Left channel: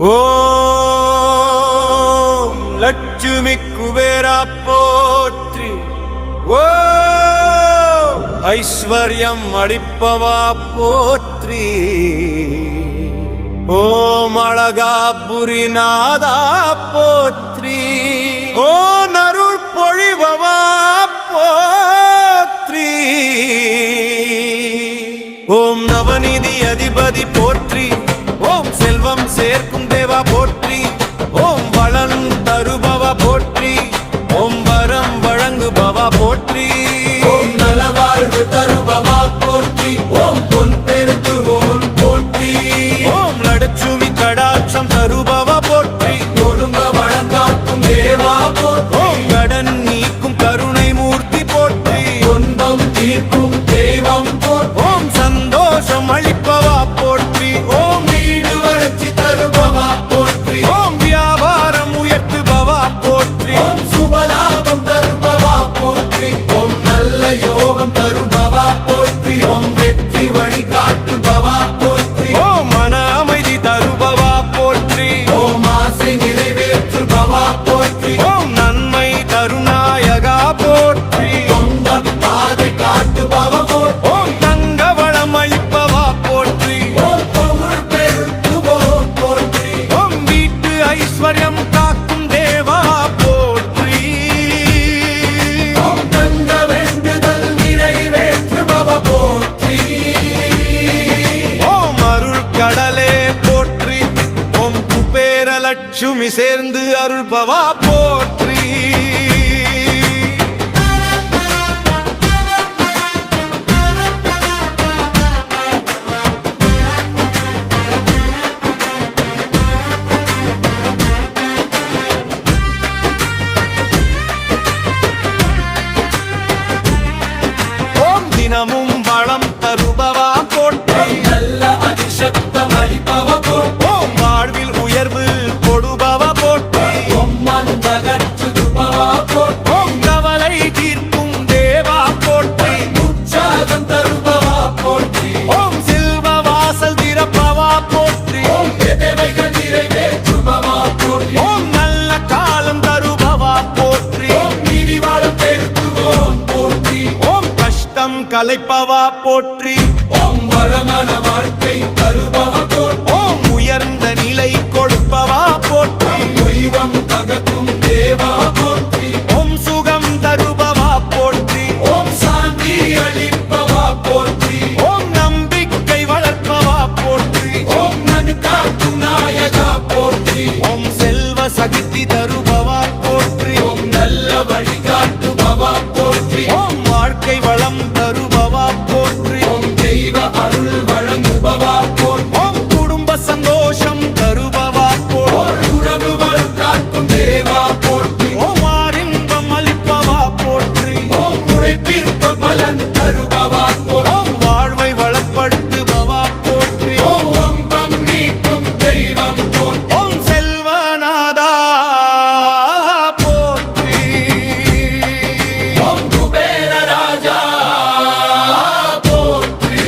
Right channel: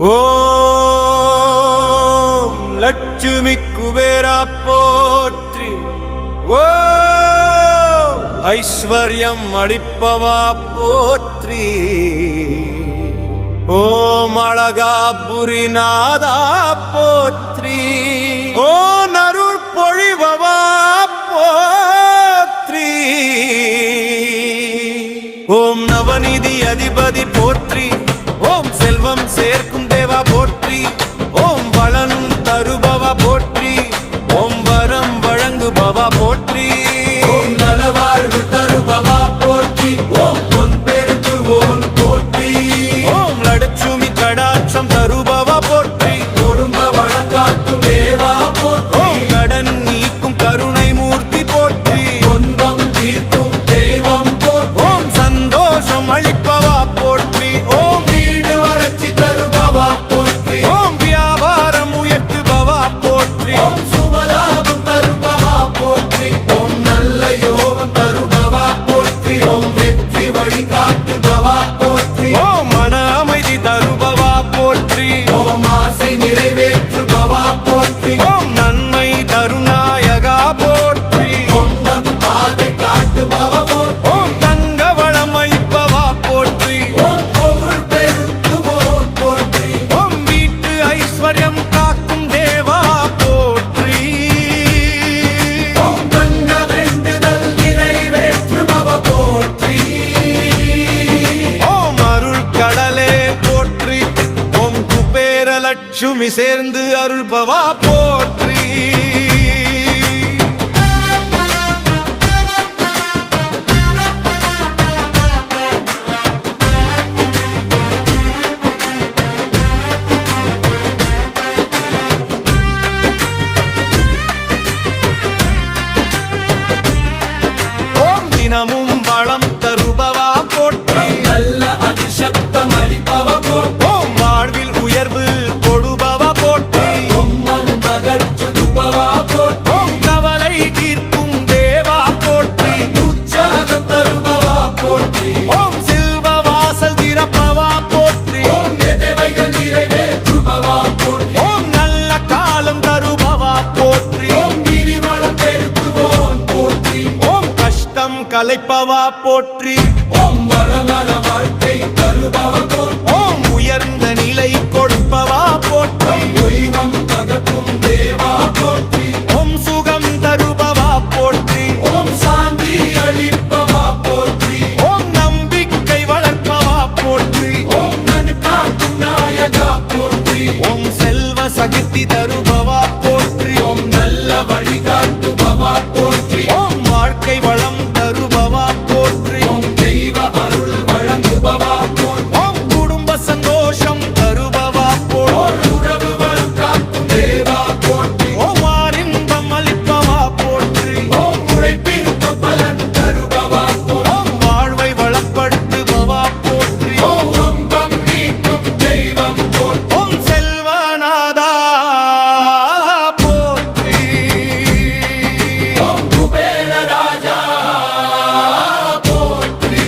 ஓம் லட்சுமி குபேரா போற்றி. ஓம் ஐஸ்வர்யம் அளிப்பவா போற்றி. ஓம் அழகாபுரிநாதா போற்றி. ஓம் அருள் பொழிபவா போற்றி. ஓம் நவநிதி அதிபதி போற்றி. ஓம் செல்வம் சேர்க்கும் தேவா போற்றி. ஓம் வளம் தருபவா போற்றி. ஓம் வரம் வழங்குபவா போற்றி. ஓம் நலவாழ்வு தருபவா போற்றி. ஓம் பொன் பெருக்குவோர் போற்றி. ஓம் லட்சுமி கடாட்சம் தருபவா போற்றி. குடும்ப வழங்காக்கும் தேவா போற்றி. ஓம் கடன் நீக்கும் கருணை மூர்த்தி போற்றி. துன்பம் தீர்க்கும் தெய்வம் போற்றி. ஓம் சந்தோஷம் அளிப்பவா போற்றி. ஓம் வீடு வளர்ச்சி தருபவா போற்றி. ஓம் வியாபாரம் உயர்த்துபவா போற்றி. ஓம் சுபலாபம் தருபவா போற்றி. ஓம் நல்ல யோகம் தருபவா போற்றி. ஓம் வெற்றி வழி காட்டுபவா போற்றி. ஓம் மன அமைதி தருபவா போற்றி. ஓம் ஆசை நிறைவேற்றுபவா போற்றி. ஓம் நன்மை தருநாயகா போற்றி. சொந்த பாதை காட்டுபவா போற்றி. ஓம் தங்க வளம் அளிப்பவா போற்றி. ஓம் புகழ் பெருக்குவோர் போற்றி. ஓம் வீட்டு ஐஸ்வர்யம் காக்கும் தேவா போற்றி. ஓம் தங்க வேண்டுதல் நிறைவேற்றுபவா போற்றி. ஓம் அருள் கடலே போற்றி. ஓம் குபேர லட்சுமி சேர்ந்து அருள்பவா போற்றி. ஓம் தினமும் வளம் தருபவா போற்றி. நல்ல அதிசக்தம் அளிப்பவா போற்றி. ஓம் வாழ்வில் உயர்வு கொடுபவா போற்றி. ஒம்மன் தகச்சுபவா போற்றி. ஓம் கவலை தீர்க்கும் தேவா போற்றி. உற்சாகம் தருபவா போற்றி. ஓம் செல்வ வாசல் திறப்பவா போற்றி. ஓம் தேவைகள் நிறைவேற்றுபவா போற்றி. ஓம் நல்ல காலம் தருபவா போற்றி. ஓம் நிதி வளம் பெருக்குவோர் போற்றி. ஓம் கஷ்டம் கலைப்பவா போற்றி. ஓம் வளமான வாழ்க்கை தருபவா போற்றி. ஓம் உயர்ந்த நிலை கொடுப்பவா போற்றி. தெய்வம் அகத்தும் தேவா போற்றி. ஓம் சுகம் தருபவா போற்றி. ஓம் சாந்தி அளிப்பவா போற்றி. ஓம் நம்பிக்கை வளர்ப்பவா போற்றி. ஓம் நதி காக்கும் நாயகா போற்றி. ஓம் செல்வ சகித்தி தருபவா போற்றி. ஓம் நல்ல வழிகாட்டுபவா போற்றி. ஓம் வாழ்க்கை வளம் தருபவா போற்றி. ஓம் தெய்வ அருள் வழங்குபவா போற்றி. ஓம் குடும்ப சந்தோஷம் தருபவா போற்றி. ஓர் உறவு வளம் காக்கும் தேவா போற்றி. ஓம் ஆரின்பம் அளிப்பவா போற்றி. ஓம் உழைப்பிற்கு பலன் தருபவா போற்றி. ஓம் வாழ்வை வளப்படுத்துபவா போற்றி. ஓம் வம்பம் நீக்கும் தெய்வம் போற்றி. ஓம் செல்வநாதா போற்றி. ஓம் குபேர ராஜா போற்றி.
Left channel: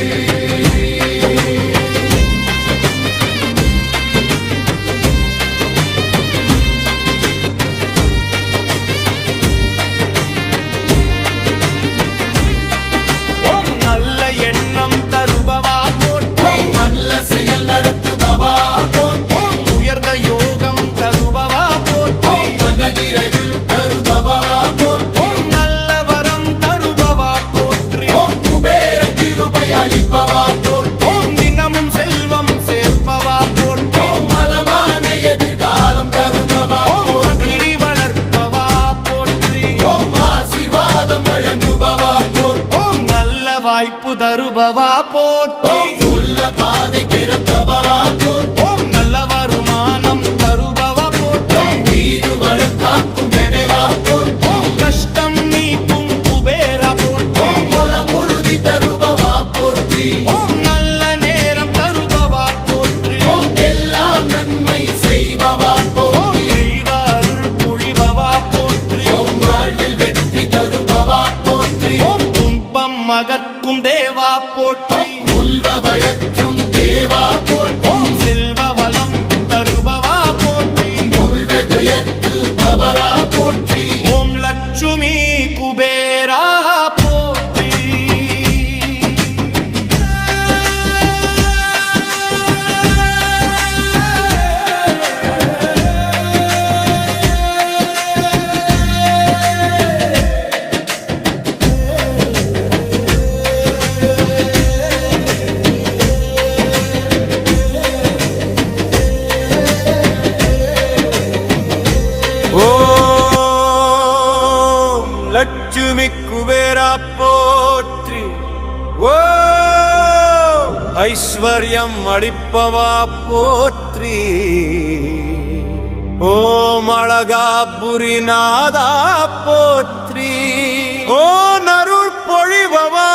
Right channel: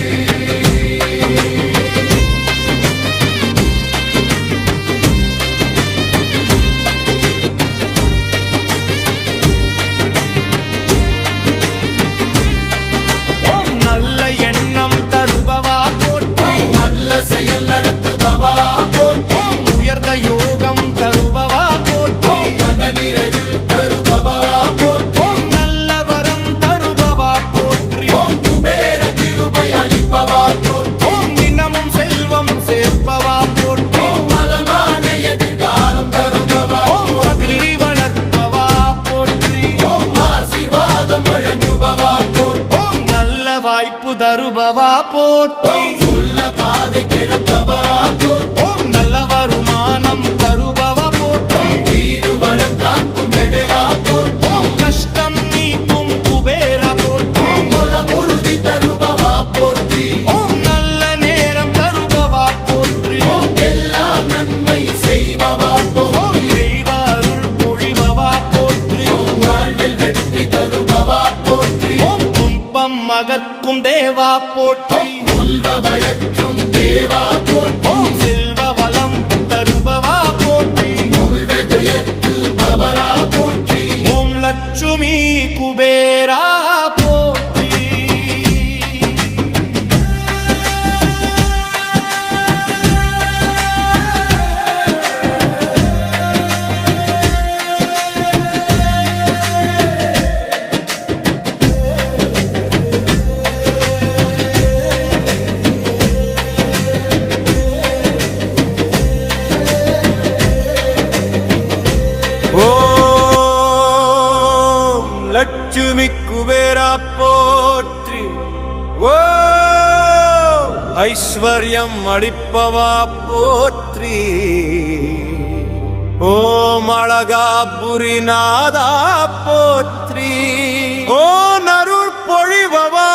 ஓம் நல்ல எண்ணம் தருபவா போற்றி. நல்ல செயல் நடத்துபவா போற்றி. ஓம் உயர்ந்த யோகம் தருபவா போற்றி. மன நிறைவில் தருபவா போற்றி. ஓம் நல்ல வரம் தருபவா போற்றி. ஓம் குபேர கிருபை அளிப்பவா போற்றி. ஓம் தினமும் செல்வம் சேர்ப்பவா போற்றி. ஓம் மலமான எதிர்காலம் தருபவா ஓம் பள்ளி வளர்ப்பவா போற்றி. ஓம் ஆசீர்வாதம் வழங்குபவா போற்றி. ஓம் நல்ல வாய்ப்பு தருபவா போற்றி. சொல்ல பாதை திறப்பவா போற்றி. ஓம் நல்ல வருமானம் தருபவா போற்றி. வீடு வளம் காக்கும் தேவா போற்றி. ஓம் கஷ்டம் நீக்கும் குபேரா போற்றி. குலம் உறுதி தருபவா போற்றி. ஓம் நல்ல நேரம் தருபவா போற்றி. ஓம் எல்லாம் நன்மை செய்பவா ஓம் போற்றி. தெய்வ அருள் பொழிபவா போற்றி. ஓம் வாழ்வில் வெற்றி தருபவா போற்றி. ஓம் துன்பம் அகற்கும் தேவா போற்றி. உள்வ வயற்றும் தேவா போற்றி. ஓம் செல்வ வளம் தருபவா லட்சுமி குபேரா போற்றி. ஓம் லட்சுமி குபேரா போற்றி. ஓம் ஐஸ்வர்யம் அளிப்பவா போற்றி. ஓம் அழகாபுரிநாதா போற்றி. ஓம் அருள் பொழிபவா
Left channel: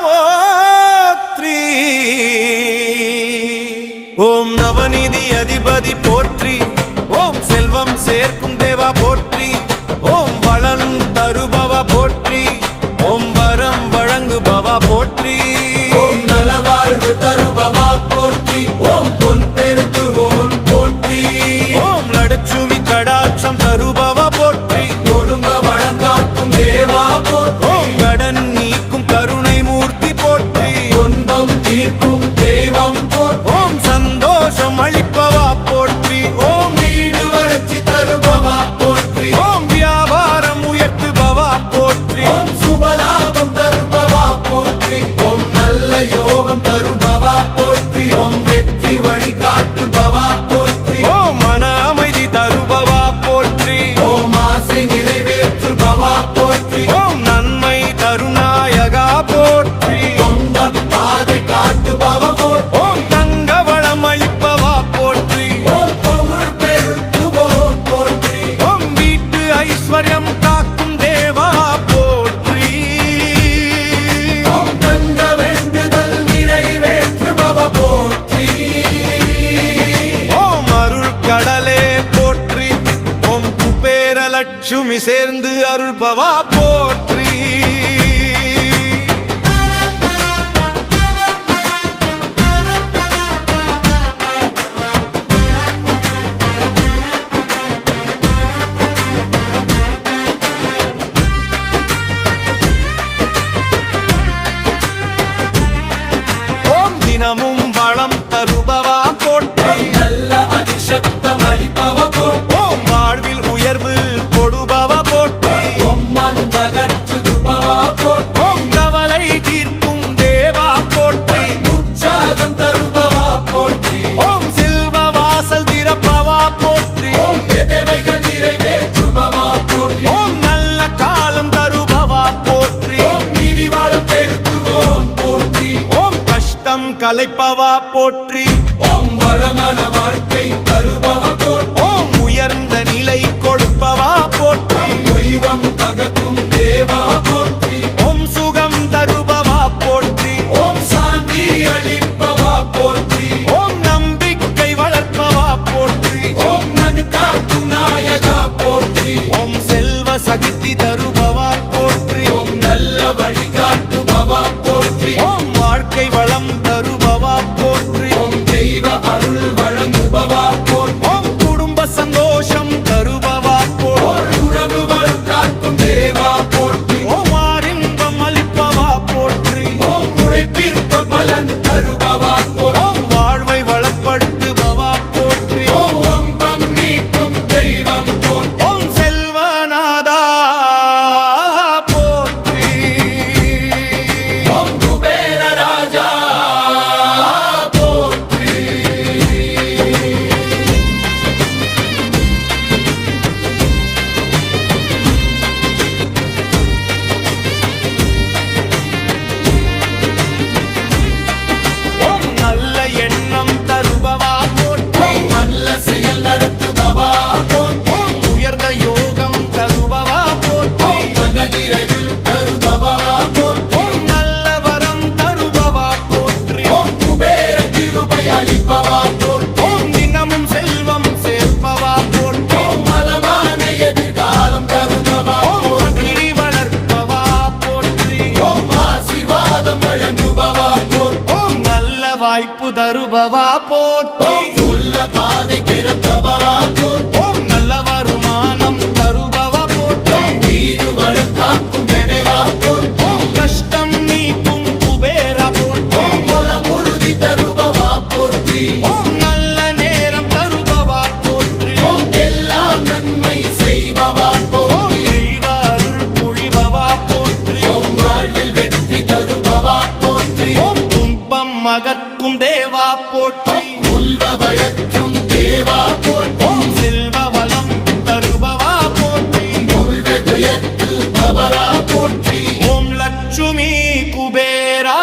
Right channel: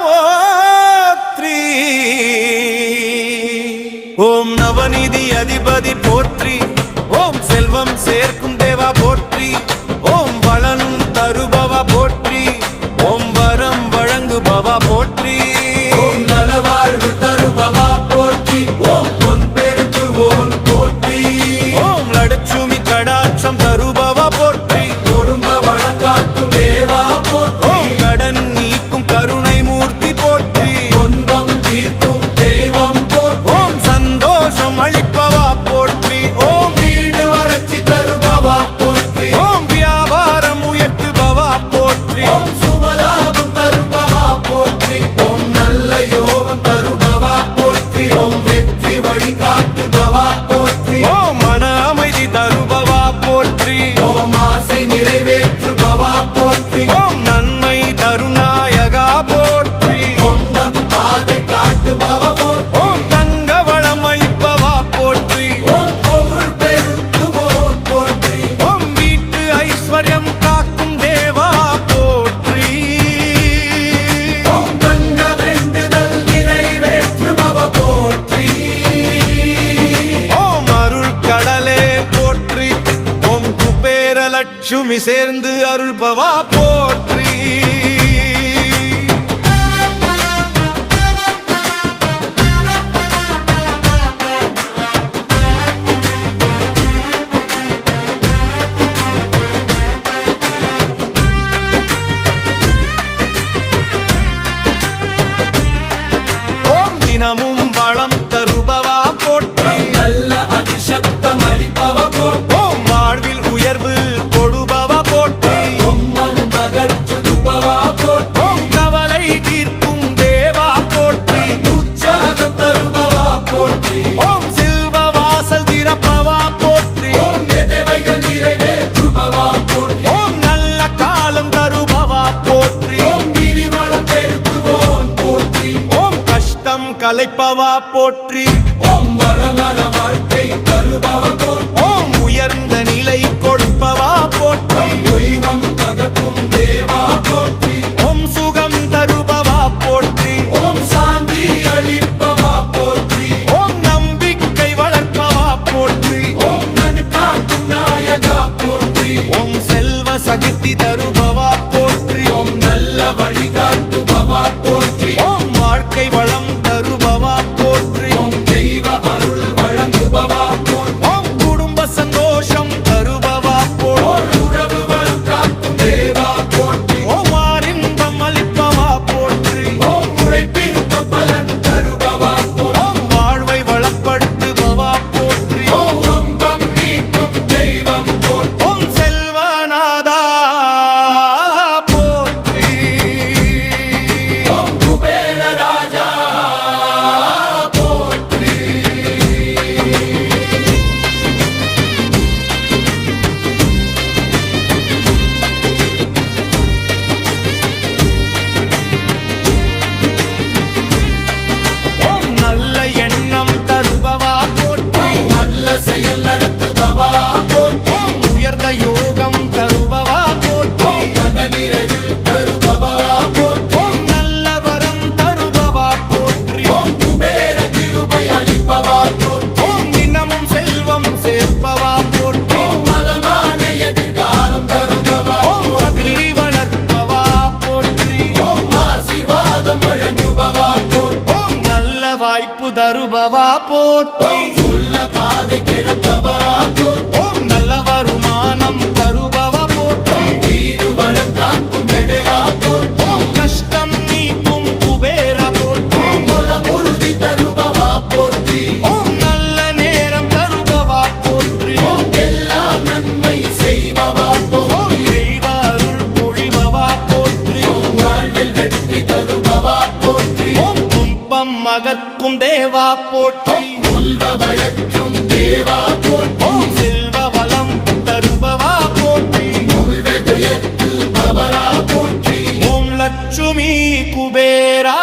போற்றி. ஓம் நவநிதி அதிபதி போற்றி. ஓம் செல்வம் சேர்க்கும் தேவா போற்றி. ஓம் வளம் தருபவா போற்றி. ஓம் வரம் வழங்குபவா போற்றி. ஓம் நலவாழ்வு தருபவா போற்றி. ஓம் பொன் பெருக்குவோர் போற்றி. ஓம் லட்சுமி கடாட்சம் தருபவா போற்றி. குடும்ப வழங்காக்கும் தேவா போற்றி. ஓம் கடன் நீக்கும் கருணை மூர்த்தி போற்றி. துன்பம் தீர்க்கும் தெய்வம் போற்றி. ஓம் சந்தோஷம் அளிப்பவா போற்றி. ஓம் வீடு வளர்ச்சி தருபவா போற்றி. ஓம் வியாபாரம் உயர்த்துபவா போற்றி. ஓம் சுபலாபம் தருபவா போற்றி. ஓம் நல்ல யோகம் தருபவா போற்றி. ஓம் வெற்றி வழிகாட்டுபவா போற்றி. ஓம் மன அமைதி தருபவா போற்றி. ஓம் ஆசை நிறைவேற்றுபவா போற்றி. ஓம் நன்மை தருநாயகா போற்றி. சொந்த பாதை காட்டுபவா போற்றி. ஓம் தங்க வளம் அளிப்பவா போற்றி. ஓம் பொருள் பெருக்குவோர் போற்றி. ஓம் வீட்டு ஐஸ்வர்யம் காக்கும் தேவா போற்றி. ஓம் தங்க வேண்டுதல் நிறைவேற்றுபவா போற்றி. ஓம் அருள் கடலே போற்றி. ஓம் குபேர லட்சுமி சேர்ந்து அருள்பவா போற்றி. ஓம் தினமும் வளம் தருபவா போற்றி. நல்ல அதிசக்தம் அளிப்பவா போற்றி. ஓம் வாழ்வில் உயர்வு கொடுபவா போற்றி. பொம்மன் தகச்சுபவா போற்றி. ஓம் கவலை தீர்க்கும் தேவா போற்றி. உற்சாகம் தருபவா போற்றி. ஓம் செல்வ வாசல் திறப்பவா போற்றி. ஓம் தேவைகள் நிறைவேற்றுபவா போற்றி. ஓம் நல்ல காலம் தருபவா போற்றி. ஓம் நீதி வளம் பெருக்குவோர் போற்றி. ஓம் கஷ்டம் கலைப்பவா போற்றி. ஓம் வளமான வாழ்க்கை தருபவா போற்றி. ஓம் உயர்ந்த நிலை கொடுப்பவா போற்றி. தெய்வம் அகத்தும் தேவா போற்றி. ஓம் சுகம் தருபவா போற்றி. ஓம் சாந்தி அளிப்பவா போற்றி. ஓம் நம்பிக்கை வளர்ப்பவா போற்றி. ஓம் நன் காக்கும் நாயகா போற்றி. ஓம் செல்வ சகித்தி தருபவா போற்றி. ஓம் நல்ல வழிகாட்டுபவா போற்றி. ஓம் வாழ்க்கை வளம் தருபவா போற்றி. ஓம் தெய்வ அருள் வழங்குபவா போற்றி. ஓம் குடும்ப சந்தோஷம் தருபவா போற்றி. ஓர் உறவு வளம் காக்கும் தேவா போற்றி. ஓம் ஆரின்பம் அளிப்பவா போற்றி. ஓம் உழைப்பிற்கு பலன் தருபவா போற்றி. ஓம் வாழ்வை வளப்படுத்துபவா போற்றி. ஓம் வம்பம் நீக்கும் தெய்வம் போற்றி. ஓம் செல்வநாதா போற்றி. ஓம் குபேர ராஜா போற்றி. ஓம் நல்ல எண்ணம் தருபவா போற்றி. நல்ல செயல் நடத்துபவா போற்றி. ஓம் உயர்ந்த யோகம் தருபவா போற்றி. மன நிறைவில் தருபவா போற்றி. ஓம் நல்ல வரம் தருபவா போற்றி. ஓம் குபேர கிருபை அளிப்பவா போற்றி. ஓம் தினமும் செல்வம் சேர்ப்பவா போற்றி. ஓம் மலமான எதிர்காலம் தருபவா ஓம் மகிழி வளர்ப்பவா போற்றி. ஓம் ஆசீர்வாதம் வழங்குபவா போற்றி. ஓம் நல்ல வாய்ப்பு தருபவா போற்றி. சொல்ல பாதை திறப்பவா போற்றி. ஓம் நல்ல வருமானம் தருபவா போற்றி. வீடு அகற்கும் தேவா போற்றி உள்வயற்றும் தேவா போற்றி ஓம் செல்வ வளம் தருபவா போற்றி வெகுயத்து பவரா போற்றி ஓம் லட்சுமி குபேரா